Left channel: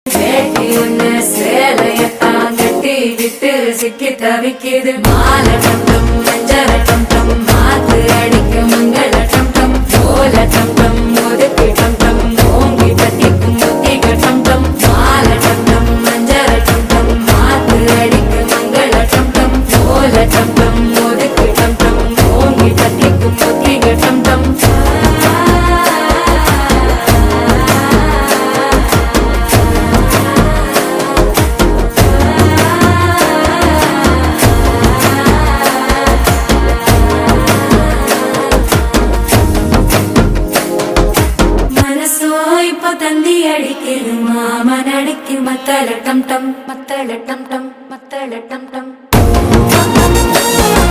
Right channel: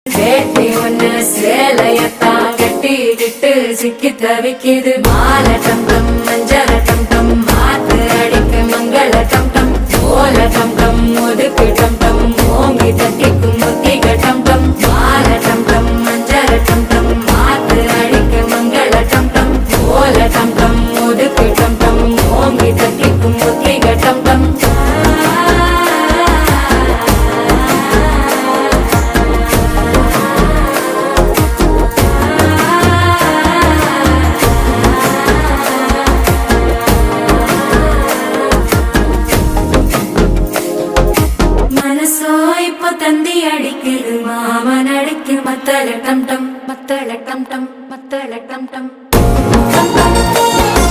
வேட்டி ஒண்ணு சேலையத்தான் கட்டிக்கிட்டு சிக்கி தவிக்குது. மாலை டம் டம் மஞ்சள டம் டம் மாத்து அடிக்க மங்கள டம் டம் ஓல டம் டம் ஒதுக்கு டம் டம் ஓங்கி தட்டிக்கும் புத்திக டம் டம் மாலை டம் டம் மஞ்சள டம் டம் மாத்து அடிக்க மங்கள டம் டம் ஓல டம் டம் ஒதுக்கு டம் டம் ஓங்கி தட்டிக்கும் புத்திக டம் டம். தந்தி அடிக்குது மாமன் அடிக்கு மத்தள டம் டம் மத்தள டம் டம் மத்தள டம் டம்.